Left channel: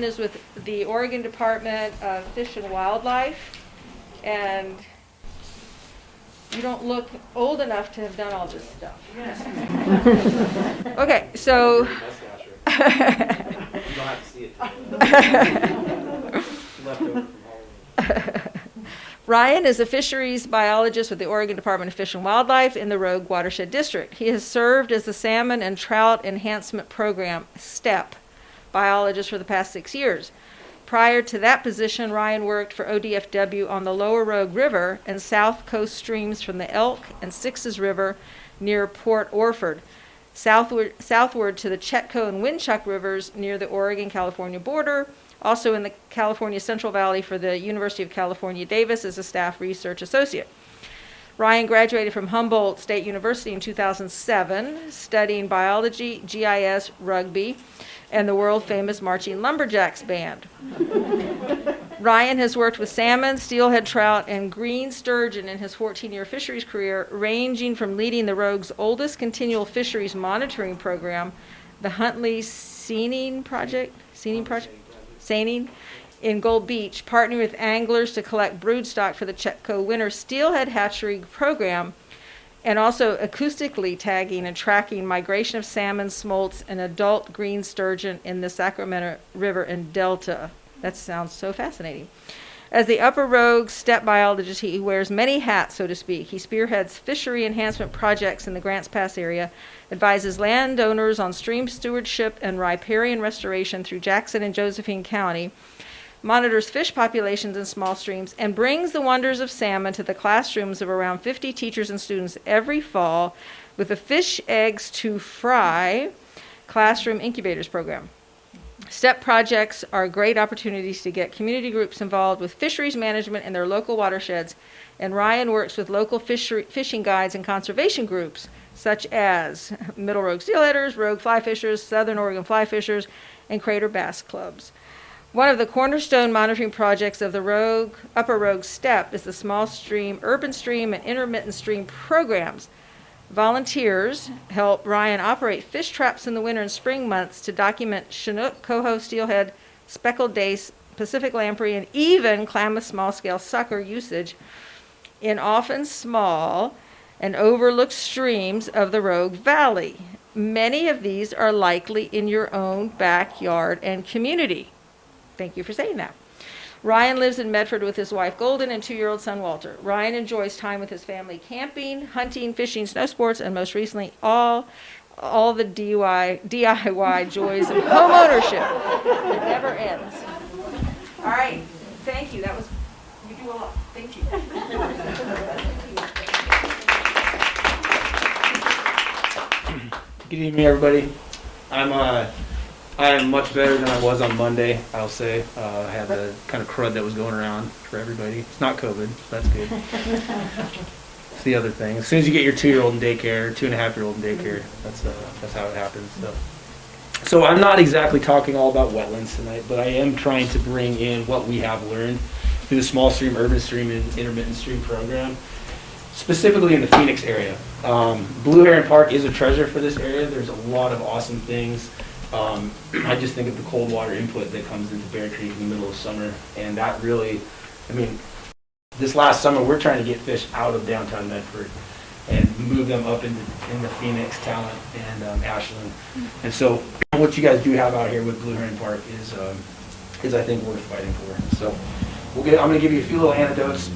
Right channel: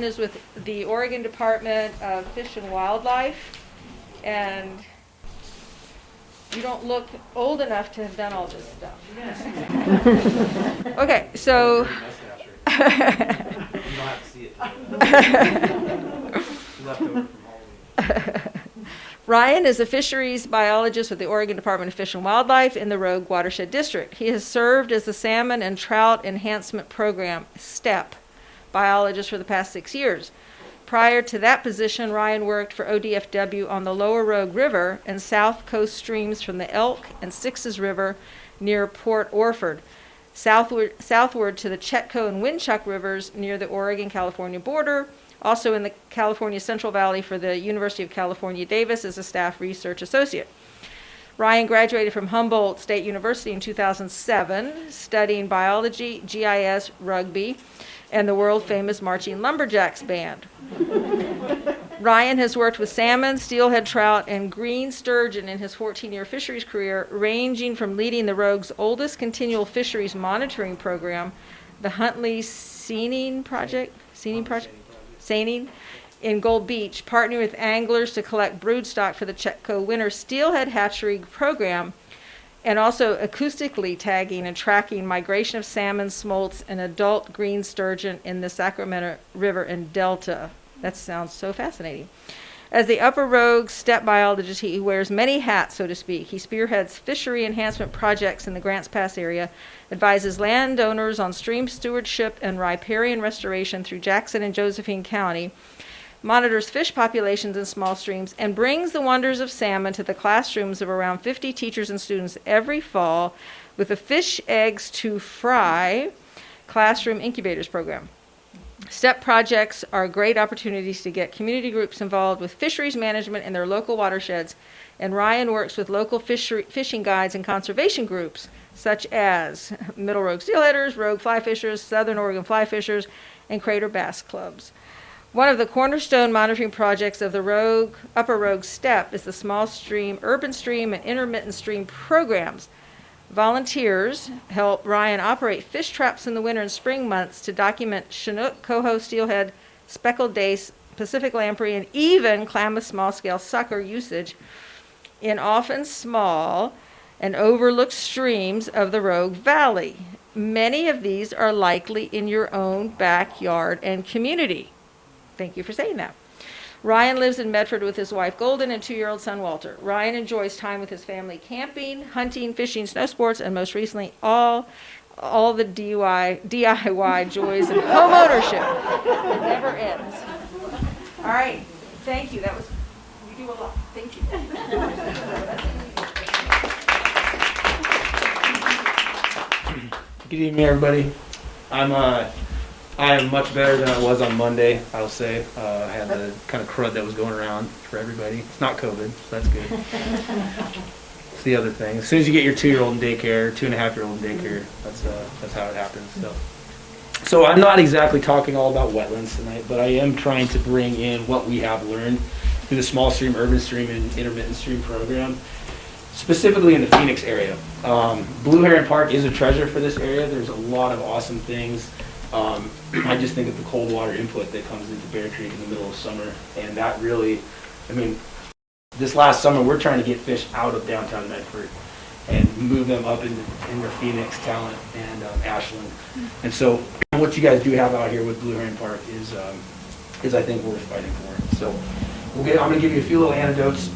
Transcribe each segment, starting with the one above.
Ryan is with the Oregon Department of Fish and Wildlife, and you don't look old enough to have done all this stuff. Yeah. Okay, so. I have a dirty mustache right now. You don't have to see it. Left over from Halloween. Ryan is a fisheries biologist with the Oregon Department of Fish and Wildlife in the Rogue Watershed District. He has served as the Salmon and Trout Enhancement Program, STEP, biologist for the past 6 years. Prior to that position, Ryan worked for ODFW on the Lower Rogue River and south coast streams from the Elk and Sixes River near Port Orford, southward to the Chetco and Winchuck Rivers near the Oregon-California border, also in the California Central Valley for the University of California, Davis as a staff research associate. Ryan graduated from Humboldt State University in 2007, studying biology, GIS, rugby, and the world-famous Marching Lumberjacks band. Ryan has worked with salmon, steelhead trout, and green sturgeon in his 14-year fisheries career, ranging from leading the Rogue's oldest continual fisheries monitoring program, the Huntley-Seining Project, in Gold Beach, partnering with anglers to collect broodstock for the Chetco Winter Steelhead Hatchery program, and also acoustically tagging and tracking migration of salmon, smolts, and adult green sturgeon in the Sacramento River and Delta. That sounds so fascinating. As the Upper Rogue STEP Biologist, he wears many hats, so to speak. He spearheads fishery enhancement projects in the Grants Pass area, advises landowners on stream stewardship and riparian restoration through Jackson and Josephine County, monitors fish populations in small streams, and brings the wonders of salmon to the classrooms of around 50 teachers and students every fall with the Fish Eggs to Fry classroom incubators program. STEP projects are great opportunities to get community groups involved with fisheries management in their local watersheds, and Ryan works with local fishing guides and conservation groups such as Middle Rogue Steelheaders, Rogue Flyfishers, Southern Oregon Flyfishers, and Crater Bass Clubs. One of the cornerstone monitoring projects of the Upper Rogue STEP is the small stream, urban stream, and intermittent stream programs. Volunteers help Ryan operate fish traps in the winter and spring months to document Chinook, Coho, Steelhead, speckled dace, Pacific Lamprey, and even Klamath Small Scale Sucker usage in often small and overlooked streams of the Rogue Valley. Many of these are likely in your own backyard and community. Thank you for saying that. Ryan lives in Medford with his wife Golden and 2-year-old son Walter. Ryan enjoys time with his family camping, hunting, fishing, snow sports, and most recently all the DIY tours. All right, thank you. You do a lot. Thank you. Good evening, everybody. I am much better than I was on Monday, I'll say. I had a kind of crud that was going around for everybody. Not COVID, that's good. It's the other thing. As soon as you get your 2-year-old in daycare, 2.5-year-old in daycare, that's how it happens. So I'm not exactly talking all about wetlands tonight, but I am trying to bring in what we have learned through the small stream, urban stream, and intermittent stream program, specifically in the Phoenix area. Blue Heron Park is a treasure for this area. There's a lot of awesome things. I just think of the cold water input that comes into Bear Creek in the middle of summer, and that really, this last summer we're trying to get fish out of downtown Medford and move them up into Phoenix, Talent, and Ashland. And so what you guys do have out here with Blue Heron Park is I think worth fighting for. So I'm going to give you a few little anecdotes,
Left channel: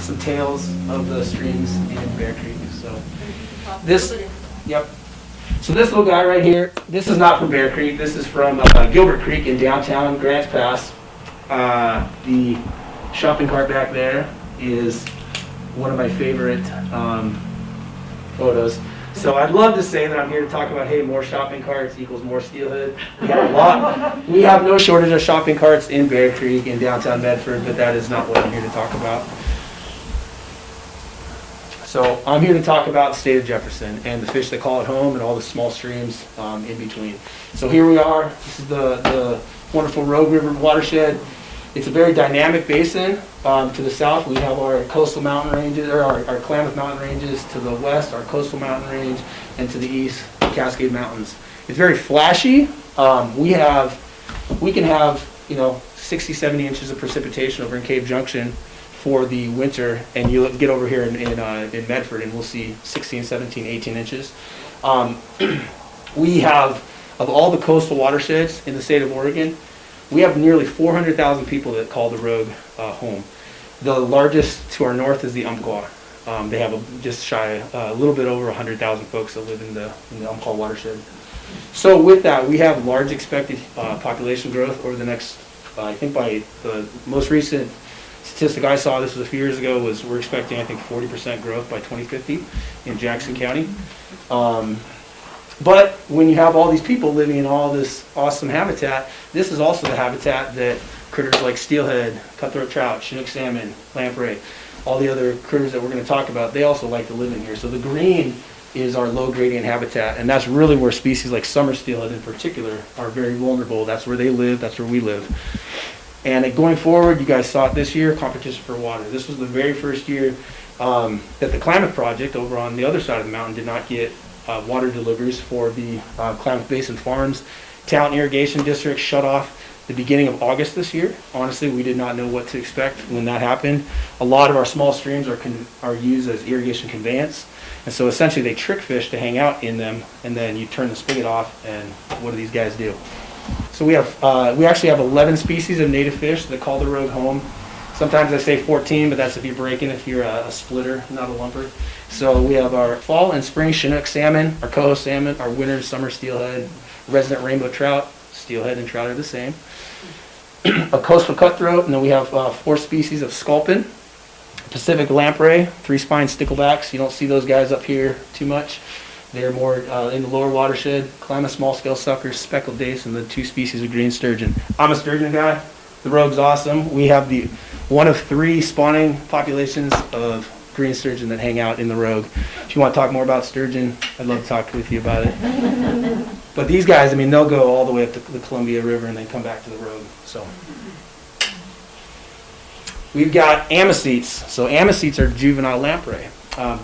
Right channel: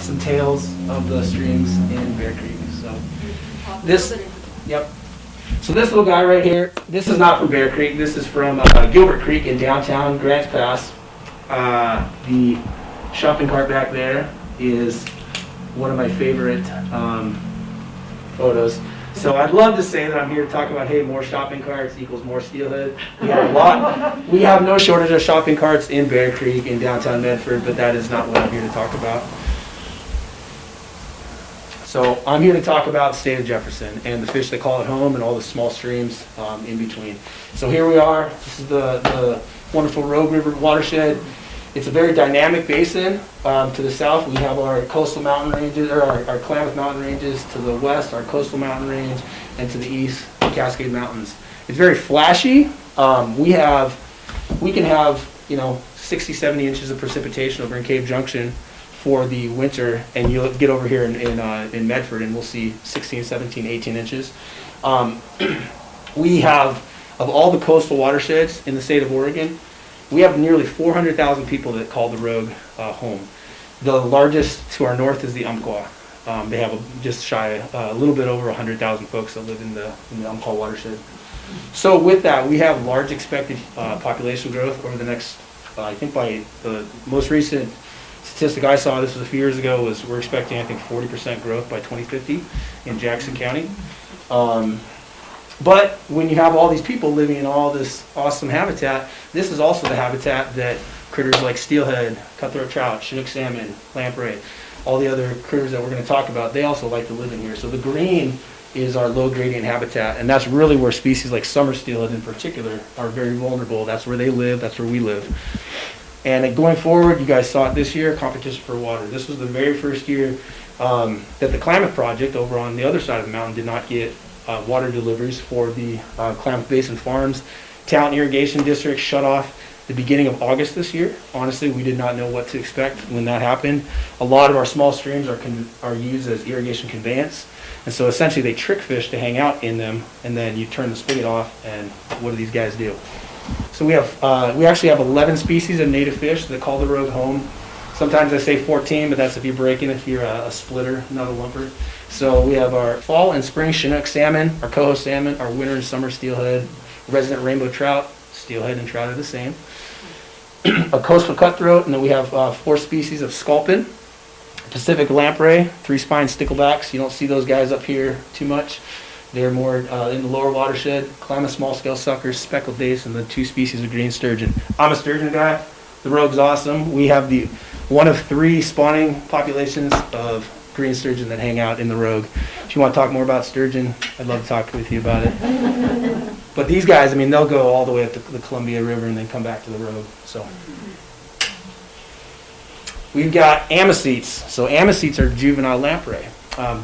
some tales of the streams in Bear Creek. So this little guy right here, this is not from Bear Creek. This is from Gilbert Creek in downtown Grants Pass. The shopping cart back there is one of my favorite photos. So I'd love to say that I'm here to talk about, hey, more shopping carts equals more steelhead. We have no shortage of shopping carts in Bear Creek in downtown Medford, but that is not what I'm here to talk about. So I'm here to talk about the state of Jefferson and the fish that call it home and all the small streams in between. So here we are. This is the wonderful Rogue River watershed. It's a very dynamic basin. To the south, we have our coastal mountain ranges, or our Klamath mountain ranges. To the west, our coastal mountain range, and to the east, the Cascade Mountains. It's very flashy. We can have 60, 70 inches of precipitation over in Cave Junction for the winter, and you'll get over here in Medford and we'll see 16, 17, 18 inches. We have, of all the coastal watersheds in the state of Oregon, we have nearly 400,000 people that call the Rogue home. The largest to our north is the Umpqua. They have just shy, a little bit over 100,000 folks that live in the Umpqua watershed. So with that, we have large expected population growth over the next, I think by the most recent statistic I saw, this was a few years ago, was we're expecting, I think, 40% growth by 2050 in Jackson County. But when you have all these people living in all this awesome habitat, this is also the habitat that critters like steelhead, cutthroat trout, Chinook salmon, lamprey, all the other critters that we're going to talk about, they also like to live in here. So the green is our low gradient habitat, and that's really where species like summer steelhead in particular are very vulnerable. That's where they live, that's where we live. And going forward, you guys saw it this year, competition for water. This was the very first year that the Klamath project over on the other side of the mountain did not get water deliveries for the Klamath Basin Farms Town Irrigation District shut off the beginning of August this year. Honestly, we did not know what to expect when that happened. A lot of our small streams are used as irrigation conveyance. And so essentially they trick fish to hang out in them, and then you turn the spigot off, and what do these guys do? So we actually have 11 species of native fish that call the Rogue home. Sometimes I say 14, but that's if you're breaking, if you're a splitter, not a lumper. So we have our fall and spring Chinook salmon, our Coho salmon, our winter and summer steelhead, resident rainbow trout, steelhead and trout are the same. A coastal cutthroat, and then we have 4 species of sculpin, Pacific lamprey, 3-spine sticklebacks. You don't see those guys up here too much. They're more in the lower watershed. Klamath Small Scale Sucker, speckled dace, and the 2 species of green sturgeon. I'm a sturgeon guy. The Rogue's awesome. We have one of 3 spawning populations of green sturgeon that hang out in the Rogue. If you want to talk more about sturgeon, I'd love to talk with you about it. But these guys, I mean, they'll go all the way up to the Columbia River and then come back to the Rogue. So we've got amesthetes. So amesthetes are juvenile lamprey.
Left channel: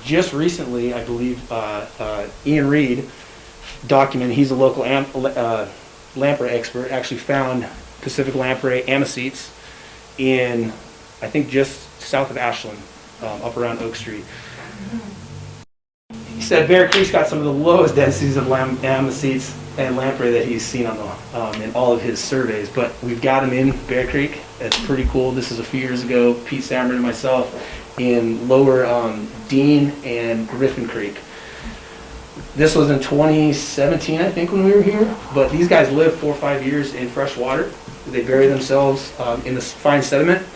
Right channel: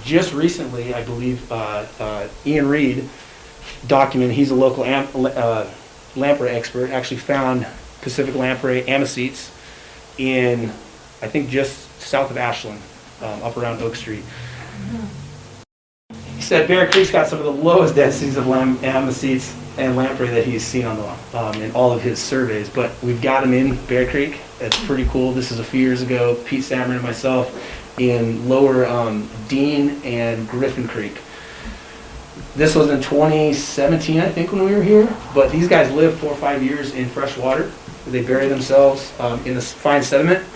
Just recently, I believe, Ian Reed documented, he's a local lamprey expert, actually found Pacific lamprey amesthetes in, I think, just south of Ashland, up around Oak Street. He said Bear Creek's got some of the lowest densities of amesthetes and lamprey that he's seen on in all of his surveys, but we've got them in Bear Creek. That's pretty cool. This is a few years ago. Pete Stammer and myself in lower Dean and Griffin Creek. This was in 2017, I think, when we were here. But these guys live 4 or 5 years in fresh water. They bury themselves in this fine sediment.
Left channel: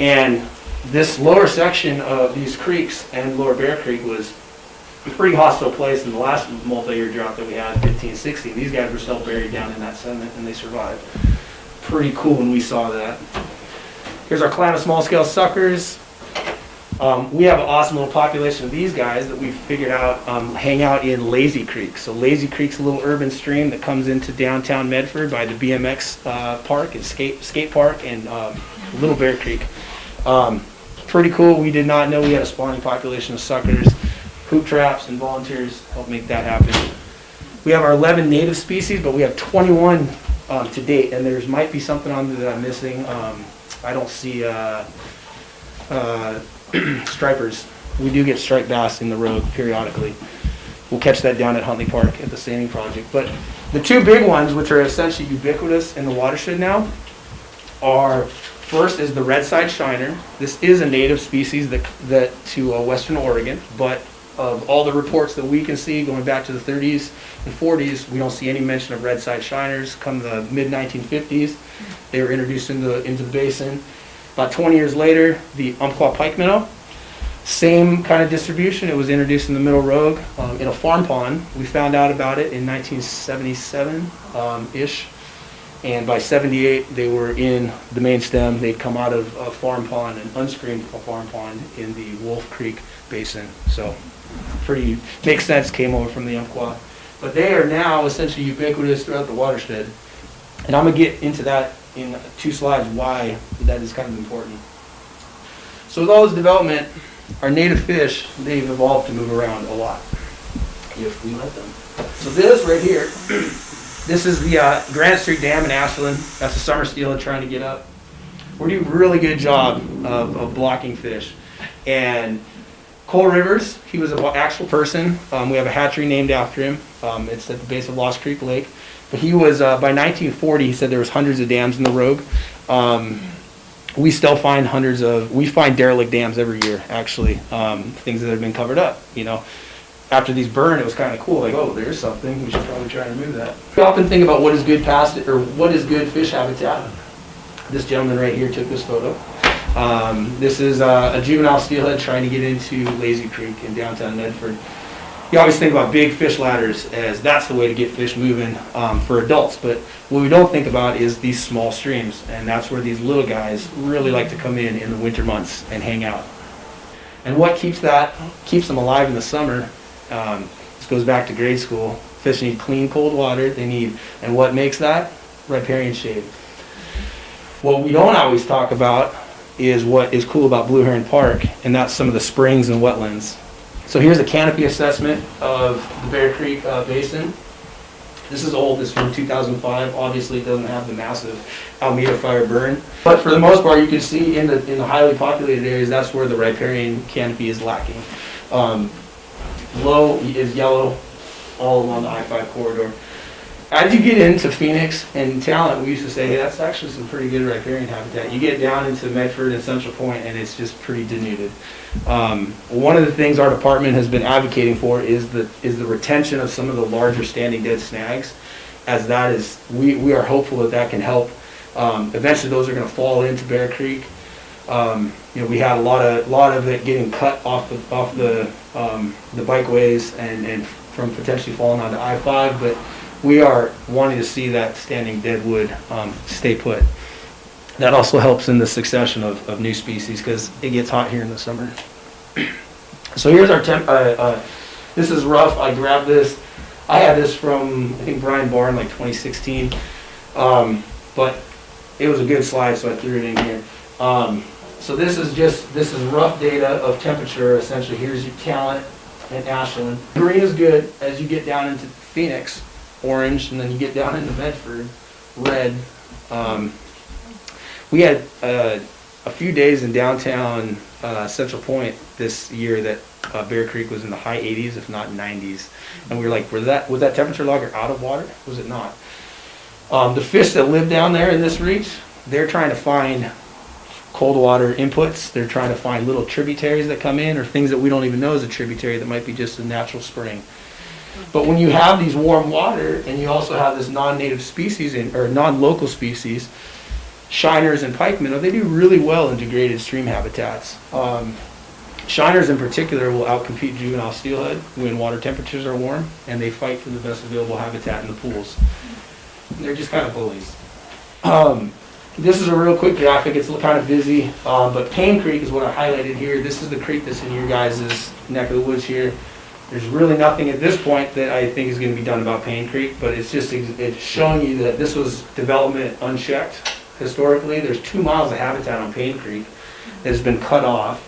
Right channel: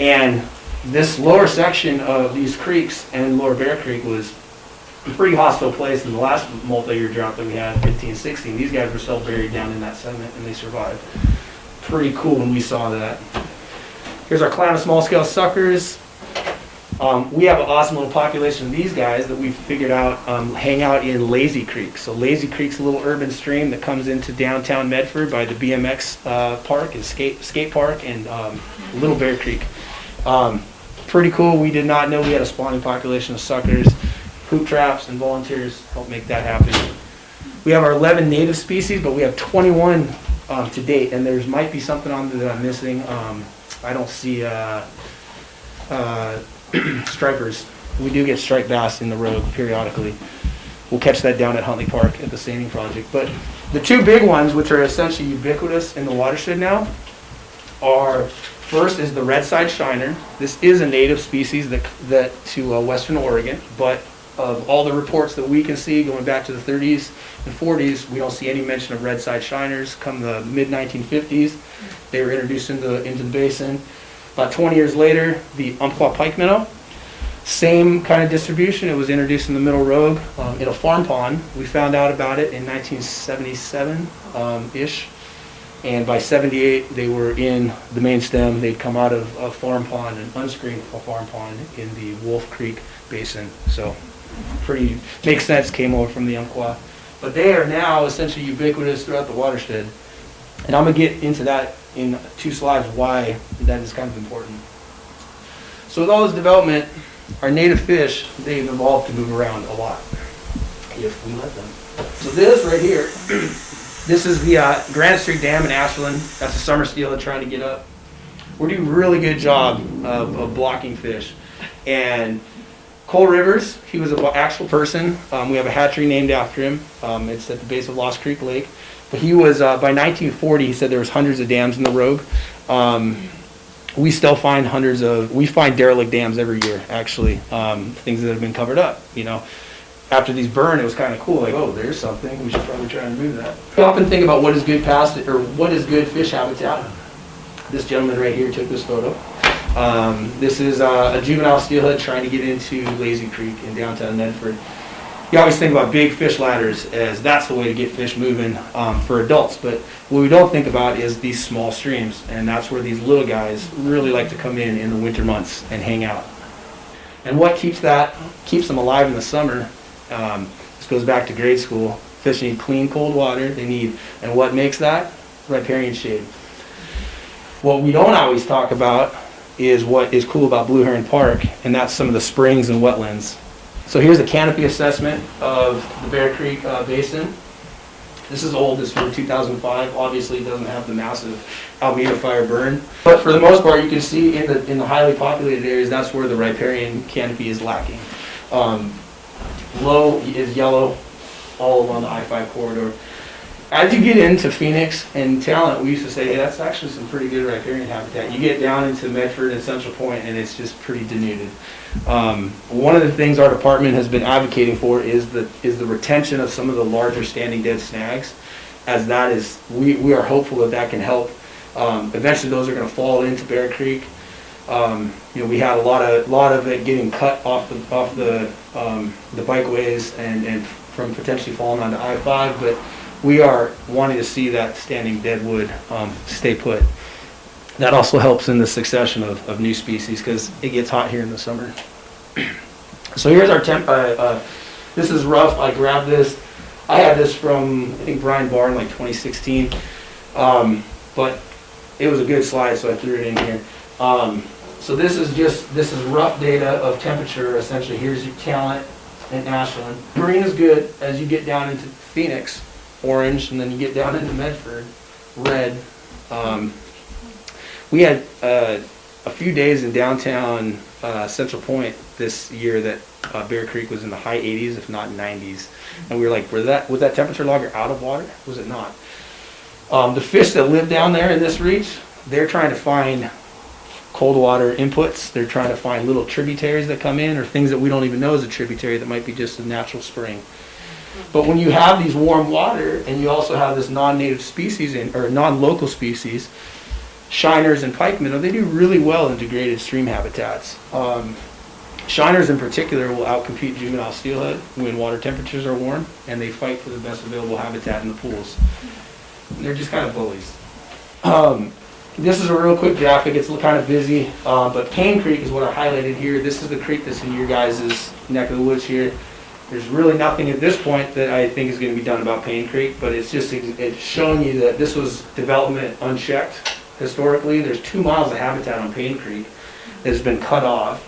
And this lower section of these creeks and Lower Bear Creek was a pretty hostile place in the last multi-year drought that we had, 15, 16. These guys were still buried down in that sediment, and they survived. Pretty cool when we saw that. Here's our Klamath Small Scale Suckers. We have an awesome little population of these guys that we figured out hang out in Lazy Creek. So Lazy Creek's a little urban stream that comes into downtown Medford by the BMX park and skate park and Little Bear Creek. Pretty cool. We did not know we had a spawning population of suckers. Hoop traps and volunteers help make that happen. We have our 11 native species, but we have 21 to date, and there might be something on there that I'm missing. I don't see stripers. We do get striped bass in the road periodically. We'll catch that down at Huntley Park at the Standing Project. But the 2 big ones, which are essentially ubiquitous in the watershed now, are first is the red-side shiner. This is a native species that to western Oregon, but of all the reports that we can see going back to the 30s and 40s, we don't see any mention of red-side shiners. Come the mid-1950s, they were introduced into the basin. About 20 years later, the Umpqua pike minnow, same kind of distribution. It was introduced in the Middle Rogue in a farm pond. We found out about it in 1977-ish, and by 78, they were in the main stem. They'd come out of a farm pond, an unscreened farm pond in the Wolf Creek Basin. So, pretty makes sense. Came over from the Umpqua, but they are now essentially ubiquitous throughout the watershed. And I'm gonna get into that in 2 slides why that is kind of important. So with all this development, our native fish, they've evolved to move around a lot if we let them. So this right here This is the Grand Street Dam in Ashland. That's a summer steelhead trying to get up. We're doing a really good job of blocking fish. And Cole Rivers, he was an actual person. We have a hatchery named after him. It's at the base of Lost Creek Lake. But he was, by 1940, he said there was hundreds of dams in the Rogue. We still find we find derelict dams every year, actually, things that have been covered up, you know. After these burn, it was kind of cool, like, oh, there's something, we should probably try and remove that. We often think about what is good what is good fish habitat. This gentleman right here took this photo. This is a juvenile steelhead trying to get into Lazy Creek in downtown Medford. You always think about big fish ladders as that's the way to get fish moving for adults, but what we don't think about is these small streams, and that's where these little guys really like to come in the winter months and hang out. And what keeps them alive in the summer, this goes back to grade school, fish need clean, cold water, and what makes that? Riparian shade. What we don't always talk about is what is cool about Blue Heron Park, and that's some of the springs and wetlands. So here's a canopy assessment of the Bear Creek Basin. This is old, this is from 2005. Obviously it doesn't have the massive Alameda fire burn. But for the most part, you can see in the highly populated areas, that's where the riparian canopy is lacking. Low is yellow all along the I-5 corridor. As you get into Phoenix and Talent, we used to say, hey, that's actually some pretty good riparian habitat. You get down into Medford and Central Point, and it's just pretty denuded. One of the things our department has been advocating for is the retention of some of the larger standing dead snags, as that is, we are hopeful that can help. Eventually those are going to fall into Bear Creek. We had a lot of it getting cut off the bikeways and from potentially falling onto I-5, but we are wanting to see that standing dead wood stay put. That also helps in the succession of new species because it gets hot here in the summer. So here's our this is rough. I grabbed this. I had this from, I think, Brian Barn, like 2016. But it was a good slide, so I threw it in here. So this is rough data of temperature. Essentially, here's your Talent and Ashland. Green is good as you get down into Phoenix, orange, and then you get down into Medford, red. We had a few days in downtown Central Point this year that Bear Creek was in the high 80s, if not 90s. And we were like, was that temperature logger out of water? Was it not? The fish that live down there in this reach, they're trying to find cold water inputs. They're trying to find little tributaries that come in or things that we don't even know is a tributary that might be just a natural spring. But when you have these warm water and you also have this non-native species or non-local species, shiners and pikemen, they do really well in degraded stream habitats. Shiners in particular will outcompete juvenile steelhead when water temperatures are warm, and they fight for the best available habitat in the pools. And they're just kind of bullies. This is a real quick graphic. It's kind of busy, but Payne Creek is what I highlighted here. This is the creek that's in your guys' neck of the woods here. There's really nothing at this point that I think is going to be done about Payne Creek, but it's showing you that this was development unchecked. Historically, there's 2 miles of habitat on Payne Creek that has been cut off.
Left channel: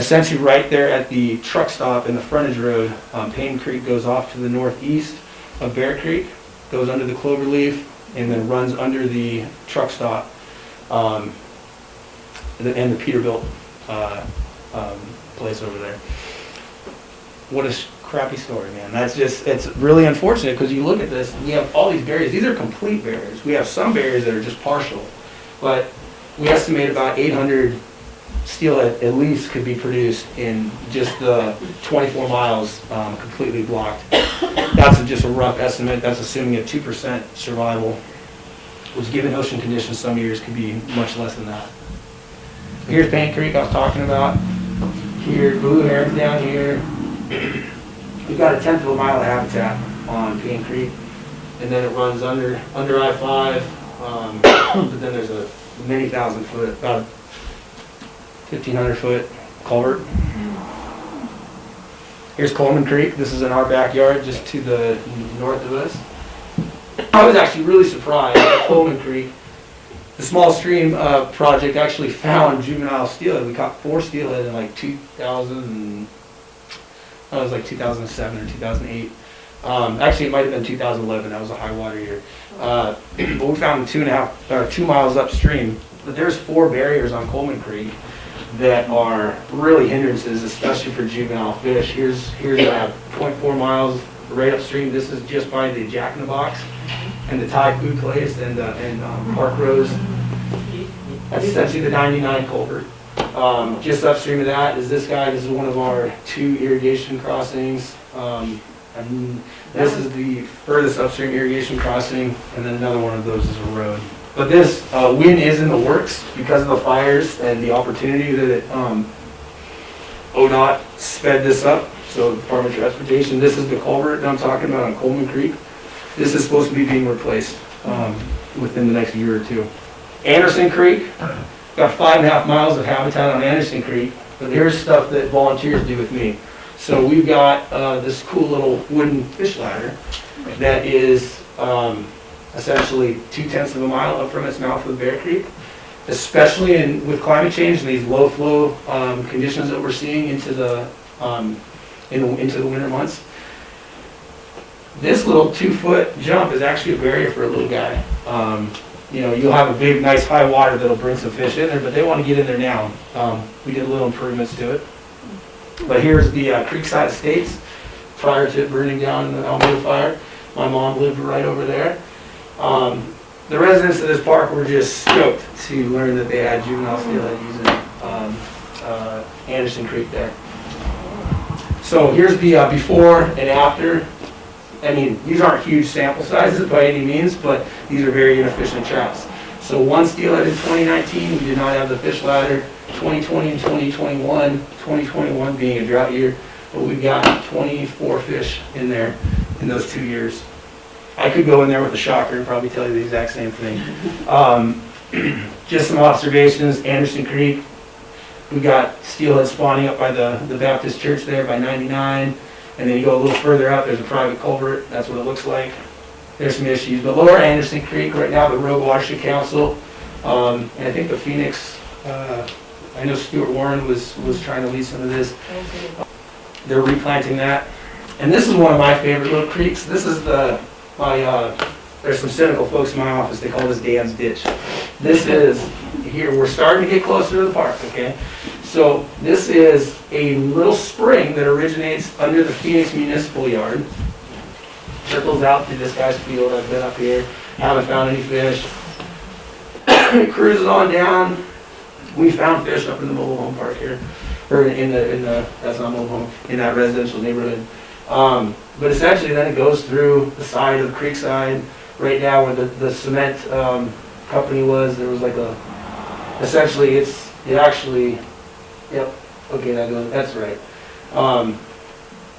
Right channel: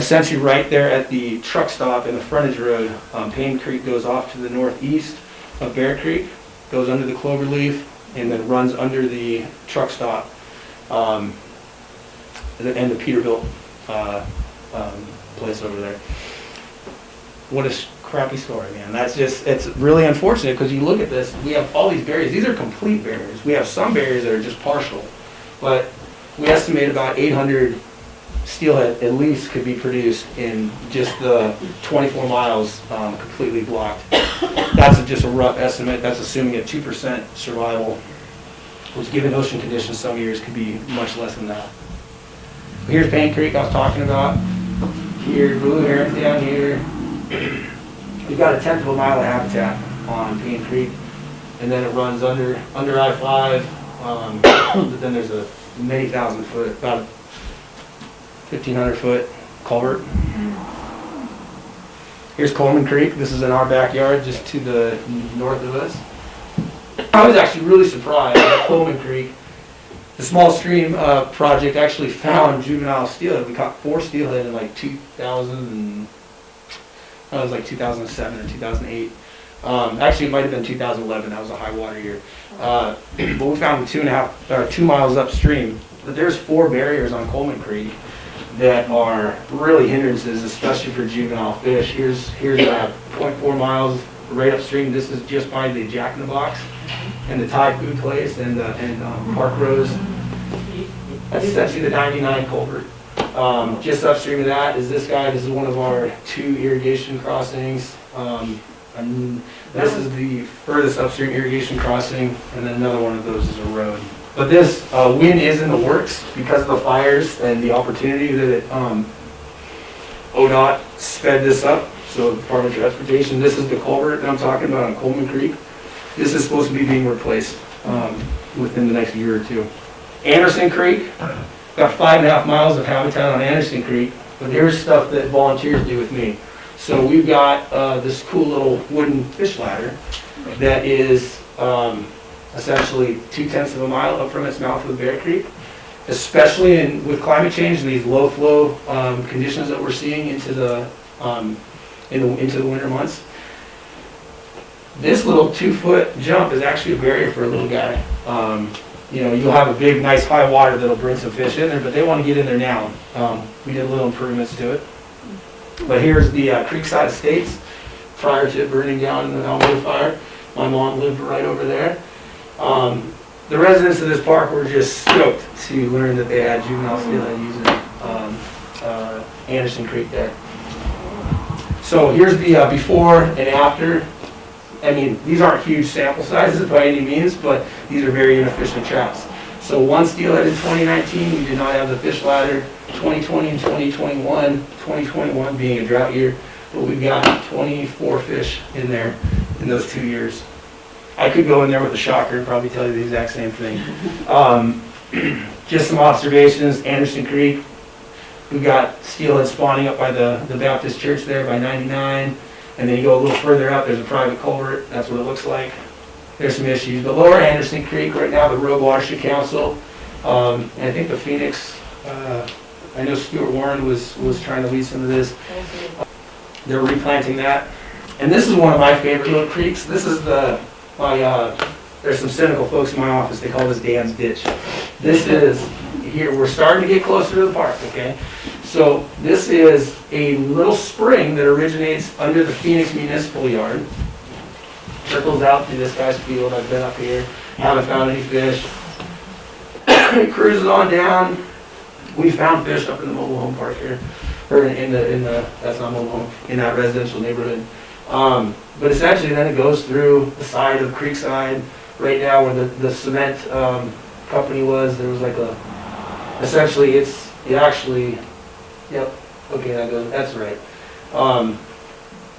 Essentially right there at the truck stop in the frontage road, Payne Creek goes off to the northeast of Bear Creek, goes under the cloverleaf, and then runs under the truck stop and the Peterbilt place over there. What a crappy story, man. It's really unfortunate because you look at this, we have all these barriers. These are complete barriers. We have some barriers that are just partial, but we estimate about 800 steelhead at least could be produced in just the 24 miles completely blocked. That's just a rough estimate. That's assuming a 2% survival, which given ocean conditions some years could be much less than that. Here's Payne Creek I was talking about. Here, Blue Heron down here. We've got a 1/10 of a mile of habitat on Payne Creek, and then it runs under I-5, but then there's a many thousand foot, about 1,500 foot culvert. Here's Coleman Creek. This is in our backyard, just to the north of us. I was actually really surprised at Coleman Creek. The small stream project actually found juvenile steelhead. We caught 4 steelhead in like 2007 and 2008. Actually, it might have been 2011. That was a high water year. But we found them 2 miles upstream. But there's 4 barriers on Coleman Creek that are really hindrances, especially for juvenile fish. Here's 0.4 miles right upstream. This is just by the Jack in the Box and the Thai food place and Park Rose. That's essentially the 99 culvert. Just upstream of that is this guy. This is one of our 2 irrigation crossings. And this is the furthest upstream irrigation crossing, and then another one of those is a road. But this wind is in the works because of the fires and the opportunity that it, ODOT sped this up. So the Department of Transportation, this is the culvert that I'm talking about on Coleman Creek. This is supposed to be being replaced within the next year or 2. Anderson Creek, got 5.5 miles of habitat on Anderson Creek, but here's stuff that volunteers do with me. So we've got this cool little wooden fish ladder that is essentially 0.2 of a mile up from its mouth with Bear Creek. Especially with climate change, these low flow conditions that we're seeing into the winter months. This little 2-foot jump is actually a barrier for a little guy. You'll have a big, nice high water that'll bring some fish in there, but they want to get in there now. We did little improvements to it. But here's the Creekside Estates prior to it burning down in the Almeida fire. My mom lived right over there. The residents of this park were just stoked to learn that they had juvenile steelhead using Anderson Creek there. So here's the before and after. I mean, these aren't huge sample sizes by any means, but these are very inefficient traps. So 1 steelhead in 2019, we did not have the fish ladder. 2020 and 2021, 2021 being a drought year, but we've got 24 fish in there in those 2 years. I could go in there with a shocker and probably tell you the exact same thing. Just some observations. Anderson Creek, we've got steelhead spawning up by the Baptist church there by 99. And then you go a little further up, there's a private culvert. That's what it looks like. There's some issues. But lower Anderson Creek, right now, the Rogue Watershed Council, and I think the Phoenix, I know Stuart Warren was trying to lead some of this. They're replanting that. And this is one of my favorite little creeks. This is there's some cynical folks in my office, they call this Dan's Ditch. This is, here, we're starting to get closer to the park, okay? So this is a little spring that originates under the Phoenix Municipal Yard. Trickles out through this guy's field. I've been up here, haven't found any fish. It cruises on down. We found fish up in the mobile home park here, or in the that's not mobile home, in that residential neighborhood. But essentially, then it goes through the side of Creekside, right now where the cement company was. There was like essentially it actually. Yep. Okay, that's right.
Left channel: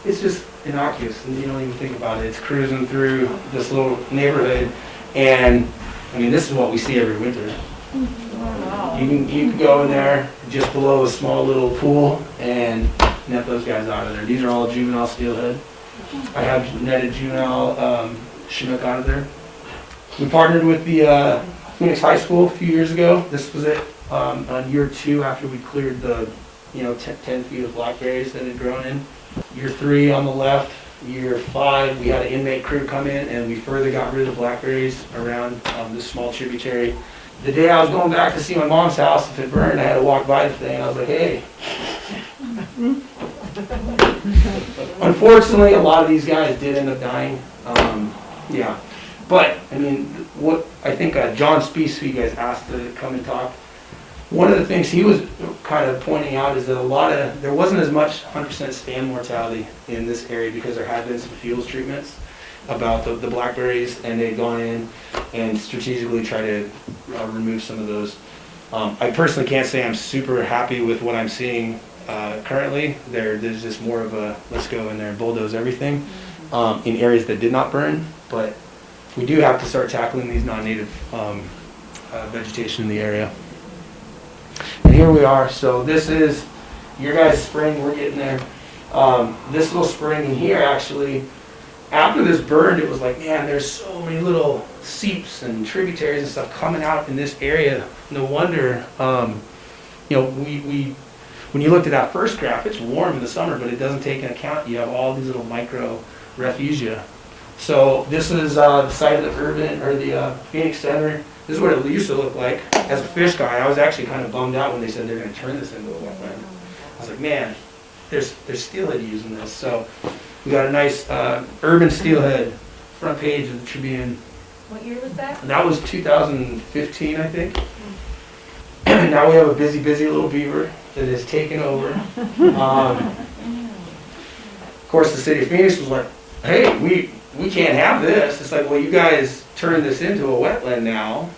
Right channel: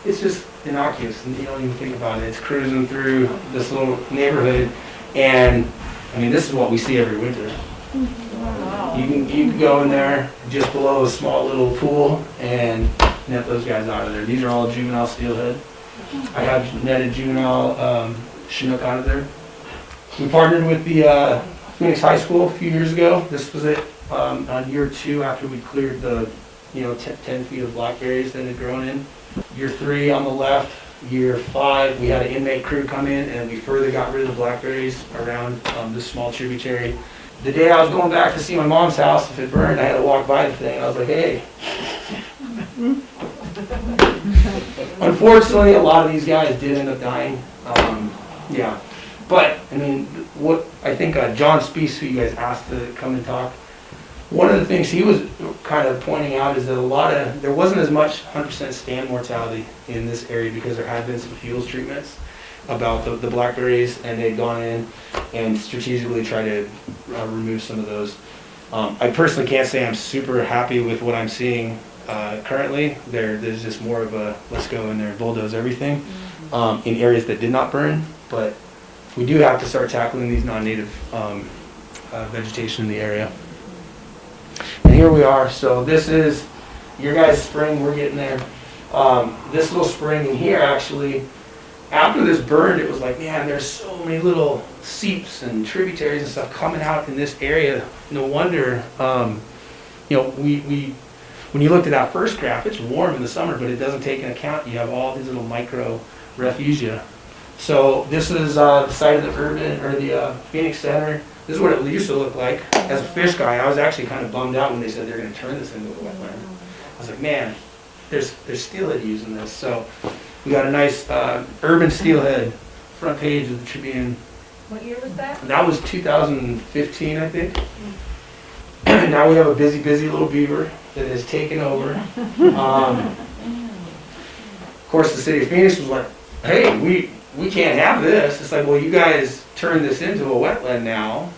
It's just innocuous, and you don't even think about it. It's cruising through this little neighborhood, and I mean, this is what we see every winter. Wow. You can go in there just below a small little pool and net those guys out of there. These are all juvenile steelhead. I have netted juvenile Chinook out of there. We partnered with the Phoenix High School a few years ago. This was it. On year 2 after we cleared the 10 feet of blackberries that had grown in. Year 3 on the left. Year 5 we had an inmate crew come in and we further got rid of blackberries around this small tributary. The day I was going back to see my mom's house, if it burned, I had to walk by the thing and I was like, hey. Unfortunately, a lot of these guys did end up dying. Yeah. But, I mean, what I think John Speece, who you guys asked to come and talk, one of the things he was kind of pointing out is that there wasn't as much 100% stand mortality in this area because there had been some fuels treatments about the blackberries, and they'd gone in and strategically tried to remove some of those. I personally can't say I'm super happy with what I'm seeing currently. There's just more of a let's go in there and bulldoze everything in areas that did not burn, but we do have to start tackling these non-native vegetation in the area. And here we are. So this is your guys' spring. We're getting there. This little spring in here, actually, after this burned, it was like, man, there's so many little seeps and tributaries and stuff coming out in this area. No wonder, when you looked at that first graph, it's warm in the summer, but it doesn't take into account you have all these little micro refugia. So this is the site of the urban, or the Phoenix Center. This is what it used to look like. As a fish guy, I was actually kind of bummed out when they said they're going to turn this into a wetland. I was like, man, there's steelhead using this. So we got a nice urban steelhead front page of the Tribune. What year was that? That was 2015, I think. Now we have a busy little beaver that has taken over. Of course, the city of Phoenix was like, hey, we can't have this. It's like, well, you guys turned this into a wetland now.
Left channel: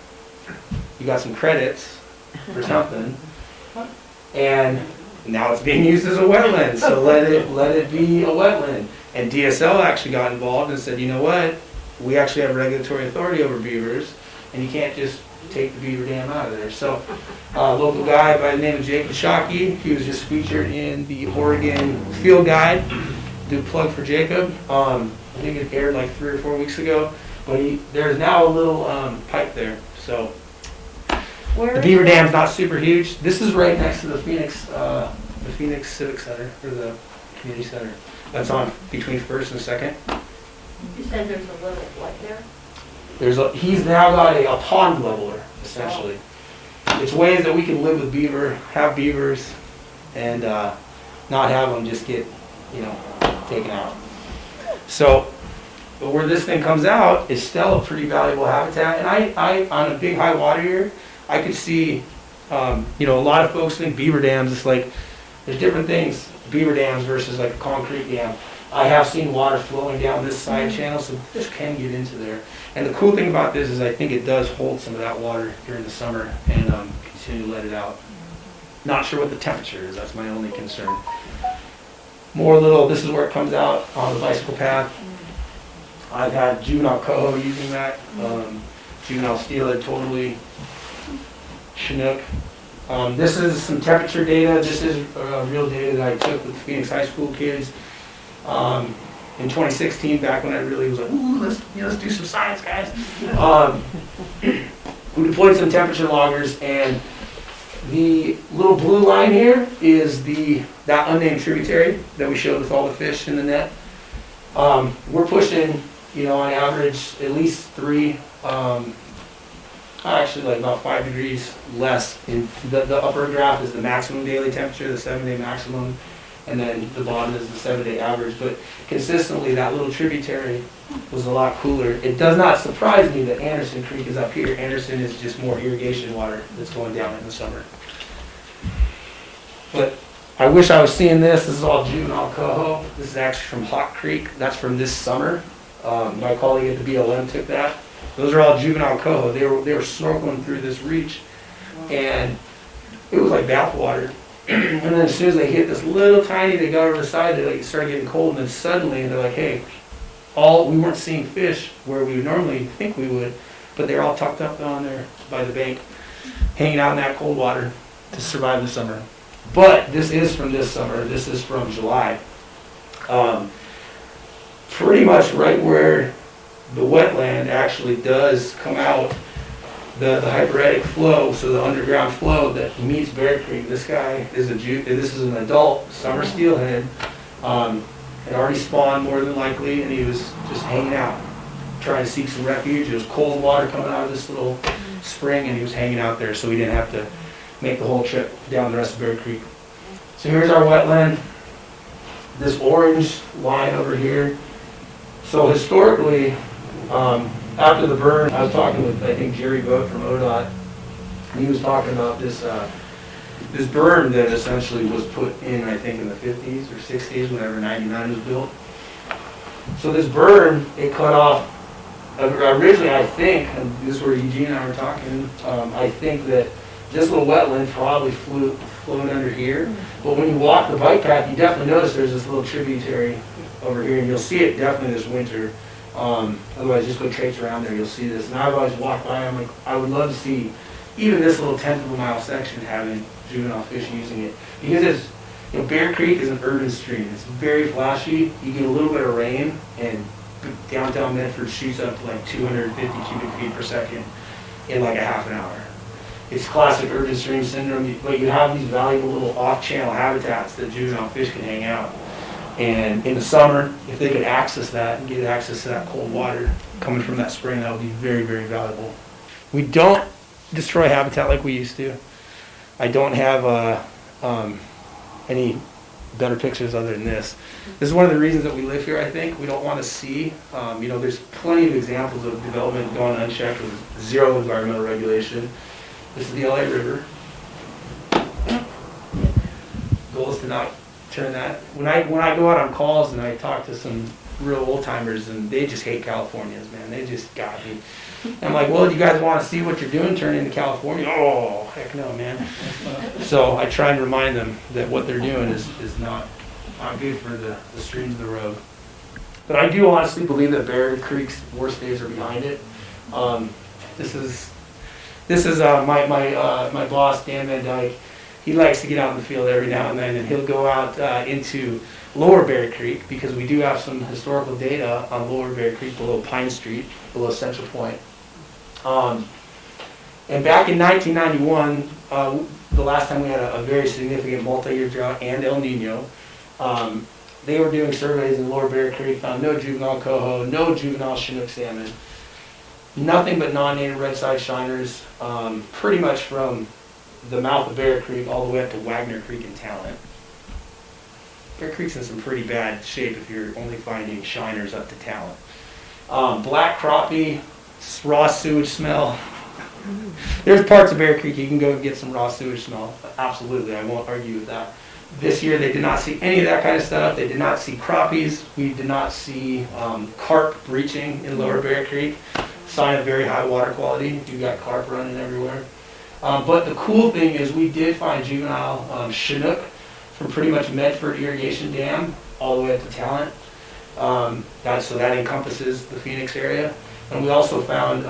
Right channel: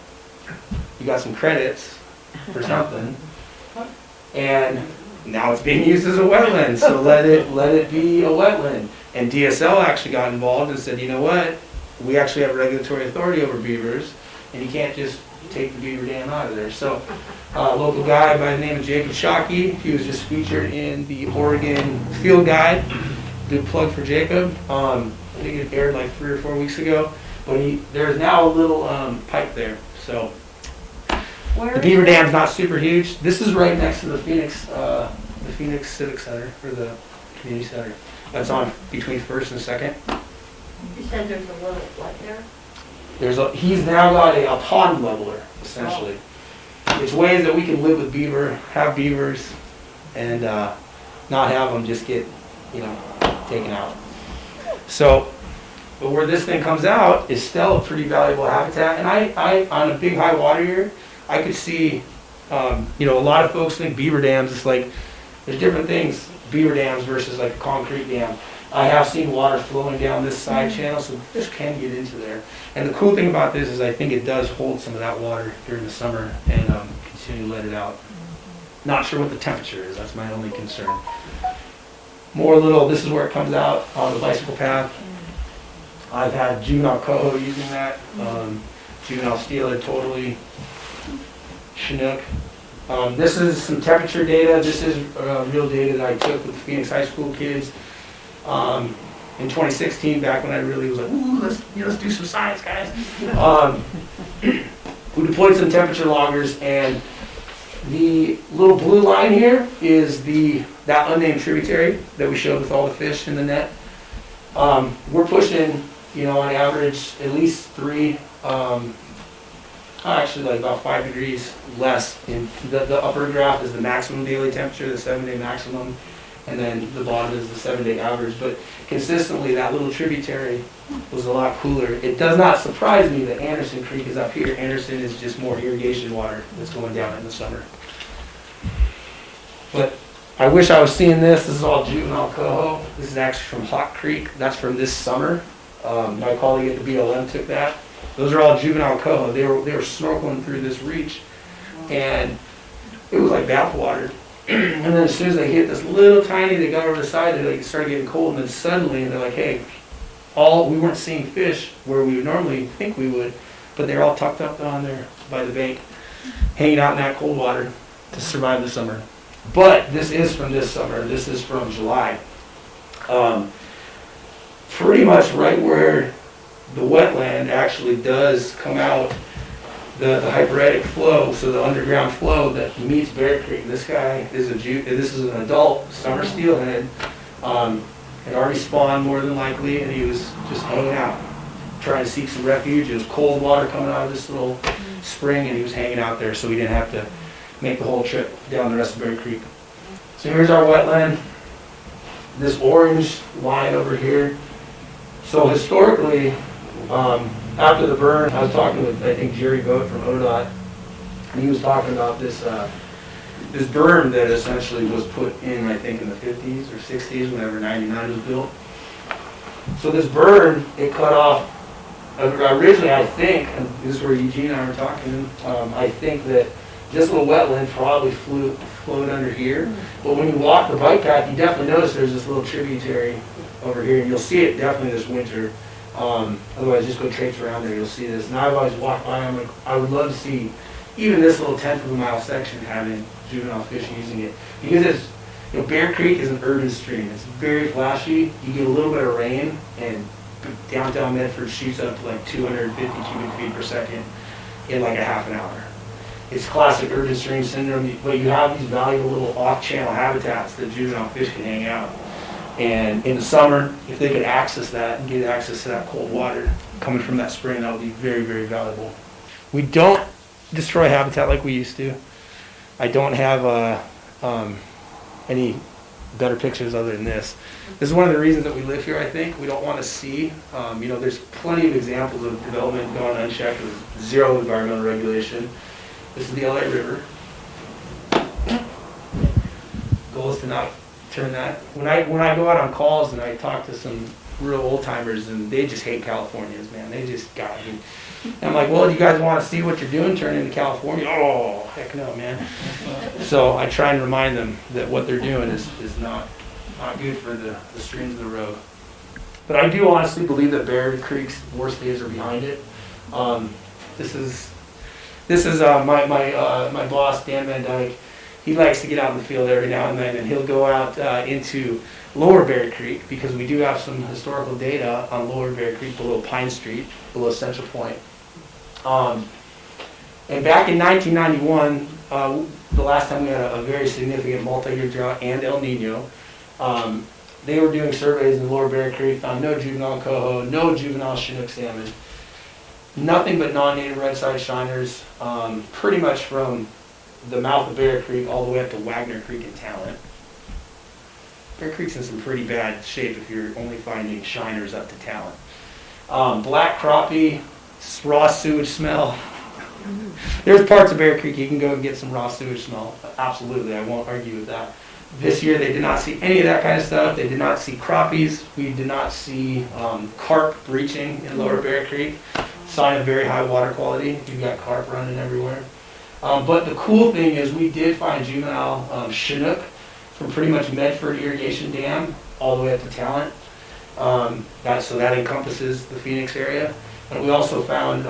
You got some credits or something. And now it's being used as a wetland, so let it be a wetland. And DSL actually got involved and said, you know what? We actually have regulatory authority over beavers, and you can't just take the beaver dam out of there. So a local guy by the name of Jacob Shockey, he was just featured in Oregon Field Guide. Big plug for Jacob. I think it aired like 3 or 4 weeks ago. But there's now a little pipe there. So Where the beaver dam's not super huge. This is right next to the Phoenix Civic Center, or the community center. That's on between 1st and 2nd. You said there's a little, what there? He's now got a pond leveler, essentially. It's ways that we can live with beaver, have beavers, and not have them just get, taken out. So, but where this thing comes out is still a pretty valuable habitat. And I on a big high water year, I could see, a lot of folks think beaver dams is like, there's different things, beaver dams versus like a concrete dam. I have seen water flowing down this side channel, so this can get into there. And the cool thing about this is I think it does hold some of that water during the summer and continue to let it out. Not sure what the temperature is, that's my only concern. This is where it comes out on the bicycle path. I've had juvenile coho using that, juvenile steelhead totally, Chinook. This is some temperature data. This is real data that I took with the Phoenix High School kids in 2016, back when I really was like, ooh, let's do some science, guys. We deployed some temperature loggers, and the little blue line here is that unnamed tributary that we showed with all the fish in the net. We're pushing, on average, at least 3, actually like about 5 degrees less. In the upper graph is the maximum daily temperature, the 7-day maximum, and then the bottom is the 7-day average. But consistently, that little tributary was a lot cooler. It does not surprise me that Anderson Creek is up here. Anderson is just more irrigation water that's going down in the summer. But I wish I was seeing this. This is all juvenile coho. This is actually from Hawk Creek. That's from this summer. My colleague at the BLM took that. Those are all juvenile coho. They were snorkeling through this reach, and it was like bath water. And then as soon as they hit this little tiny, they got over the side, it started getting cold, and then suddenly they're like, hey, we weren't seeing fish where we would normally think we would, but they're all tucked up on there by the bank, hanging out in that cold water to survive the summer. But this is from this summer. This is from July. Pretty much right where the wetland actually does come out, the hyperetic flow, so the underground flow that meets Bear Creek. This guy is this is an adult summer steelhead. Had already spawned more than likely, and he was just hanging out, trying to seek some refuge. It was cold water coming out of this little spring, and he was hanging out there, so we didn't have to make the whole trip down the rest of Bear Creek. So here's our wetland. This orange line over here. So historically, after the burn, I was talking with, I think, Jerry Vogt from ODOT, and he was talking about this this berm that essentially was put in, I think, in the 50s or 60s, whenever 99 was built. So this berm, it cut off, originally I think, and this is where Eugene and I were talking, I think that this little wetland probably flowed under here. But when you walk the bike path, you definitely notice there's this little tributary over here, and you'll see it definitely this winter. Otherwise, just go traipse around there, you'll see this. And I've always walked by, I'm like, I would love to see even this little 1/10 of a mile section having juvenile fish using it. Because it's, Bear Creek is an urban stream. It's very flashy. You get a little bit of rain, and downtown Medford shoots up to like 250 cubic feet per second in like a half an hour. It's classic urban stream syndrome, but you have these valuable little off-channel habitats that juvenile fish can hang out. And in the summer, if they could access that and get access to that cold water coming from that spring, that would be very, very valuable. We don't destroy habitat like we used to. I don't have any better pictures other than this. This is one of the reasons that we live here, I think. We don't want to see, there's plenty of examples of development gone unchecked with zero environmental regulation. This is the LA River. Goal is to not turn that. When I go out on calls and I talk to some real old timers, and they just hate Californians, man. They just got me. And I'm like, well, do you guys want to see what you're doing turn into California? Oh, heck no, man. So I try and remind them that what they're doing is not good for the streams of the Rogue. But I do honestly believe that Bear Creek's worst days are behind it. This is my boss, Dan Van Dyke. He likes to get out in the field every now and then, and he'll go out into Lower Bear Creek, because we do have some historical data on Lower Bear Creek below Pine Street, below Central Point. And back in 1991, the last time we had a very significant multi-year drought and El Nino, they were doing surveys in Lower Bear Creek, found no juvenile coho, no juvenile Chinook salmon, nothing but non-native red-side shiners, pretty much from the mouth of Bear Creek all the way up to Wagner Creek in Talent. Bear Creek's in some pretty bad shape if you're only finding shiners up to Talent. Black crappie, raw sewage smell. There's parts of Bear Creek you can go and get some raw sewage smell. Absolutely, I won't argue with that. This year they did not see any of that kind of stuff. They did not see crappies. We did not see carp breaching in Lower Bear Creek. Sign of very high water quality. You've got carp running everywhere. But the cool thing is we did find juvenile Chinook from pretty much Medford Irrigation Dam all the way up to Talent. So that encompasses the Phoenix area. And we also found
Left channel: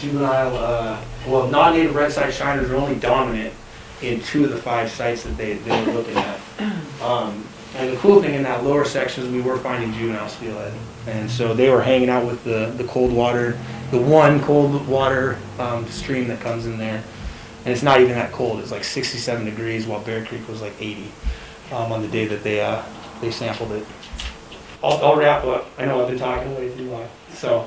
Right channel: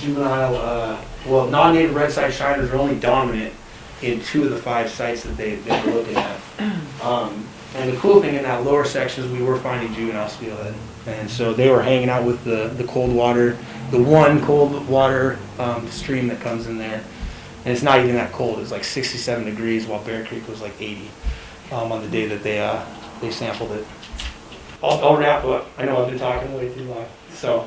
juvenile, non-native red-side shiners are only dominant in 2 of the 5 sites that they were looking at. And the cool thing in that lower section is we were finding juvenile steelhead. And so they were hanging out with the cold water, the one cold water stream that comes in there. And it's not even that cold. It's like 67 degrees, while Bear Creek was like 80 on the day that they sampled it. I'll wrap up. I know I've been talking way too long. So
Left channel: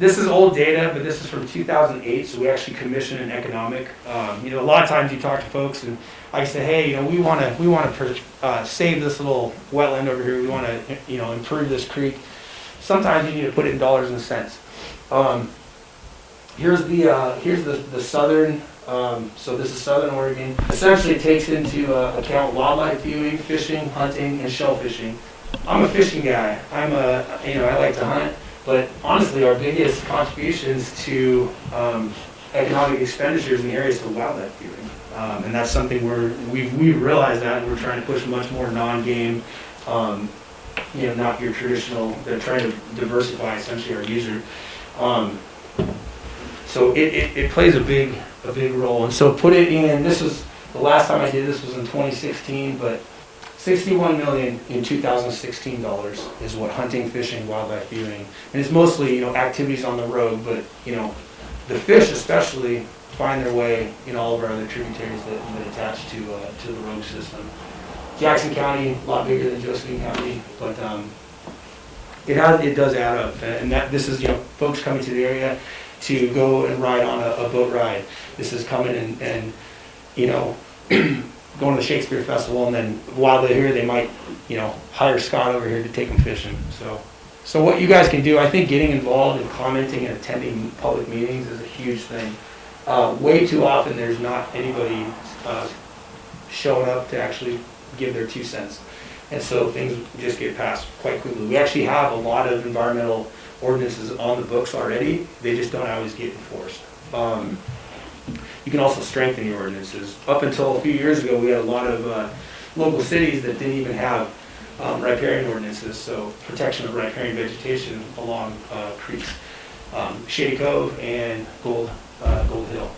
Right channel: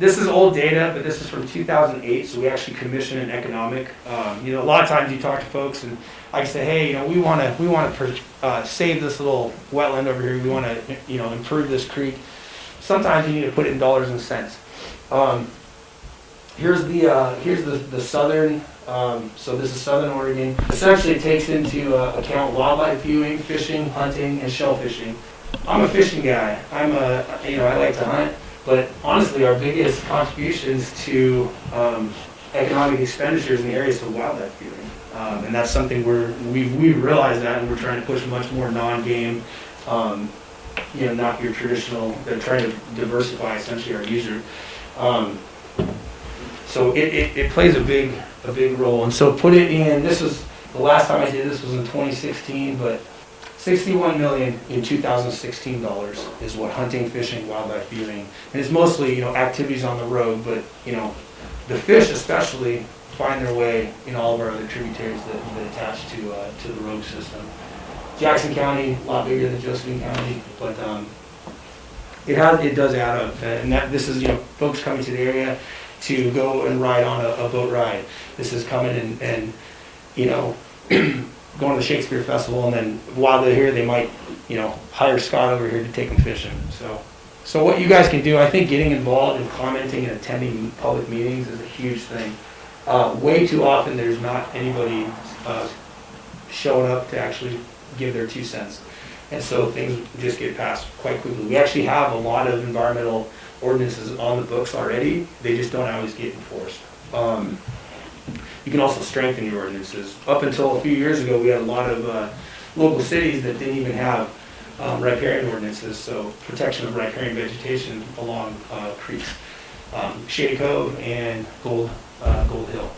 this is old data, but this is from 2008. So we actually commissioned an economic. A lot of times you talk to folks, and I say, hey, we want to save this little wetland over here. We want to improve this creek. Sometimes you need to put it in dollars and cents. Here's the southern. So this is southern Oregon. Essentially, it takes into account wildlife viewing, fishing, hunting, and shell fishing. I'm a fishing guy. I like to hunt. But honestly, our biggest contributions to economic expenditures in the area is to wildlife viewing, and that's something we realize that, and we're trying to push much more non-game. Not your traditional. They're trying to diversify essentially our user. So it plays a big role. And so put it in. This was the last time I did this was in 2016, but $61 million in 2016 dollars is what hunting, fishing, wildlife viewing, and it's mostly activities on the road. But the fish especially find their way in all of our other tributaries that attach to the Rogue system. Jackson County, a lot bigger than Josephine County, but it does add up. And this is folks coming to the area to go and ride on a boat ride. This is coming and going to the Shakespeare Festival, and then while they're here, they might hire Scott over here to take them fishing. So what you guys can do, I think getting involved and commenting and attending public meetings is a huge thing. Way too often there's not anybody showing up to actually give their 2 cents. And so things just get passed quite quickly. We actually have a lot of environmental ordinances on the books already. They just don't always get enforced. You can also strengthen your ordinances. Up until a few years ago, we had a lot of local cities that didn't even have riparian ordinances, so protection of riparian vegetation along creeks. Shady Cove and Gold Hill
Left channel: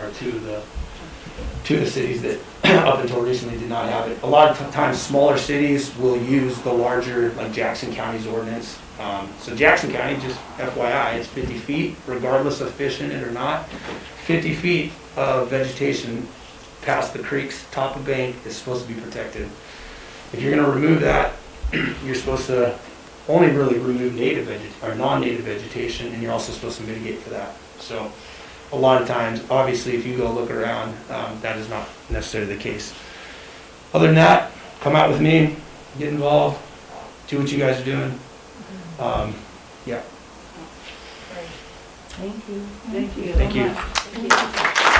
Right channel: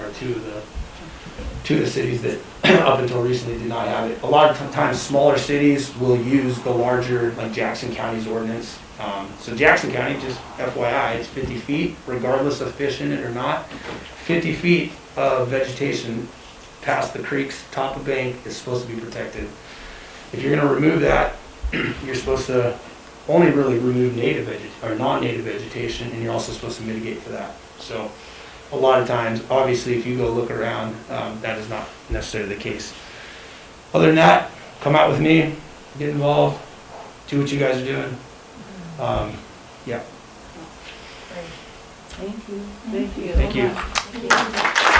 are two of the cities that up until recently did not have it. A lot of times smaller cities will use the larger, like Jackson County's ordinance. So Jackson County, just FYI, it's 50 feet, regardless of fish in it or not. 50 feet of vegetation past the creek's top of bank is supposed to be protected. if you're gonna remove that, you're supposed to only really remove native or non-native vegetation, and you're also supposed to mitigate for that. So a lot of times, obviously, if you go look around, that is not necessarily the case. Other than that, come out with me, get involved, see what you guys are doing. Yeah. Great. Thank you. Thank you. Thank you. Thank you.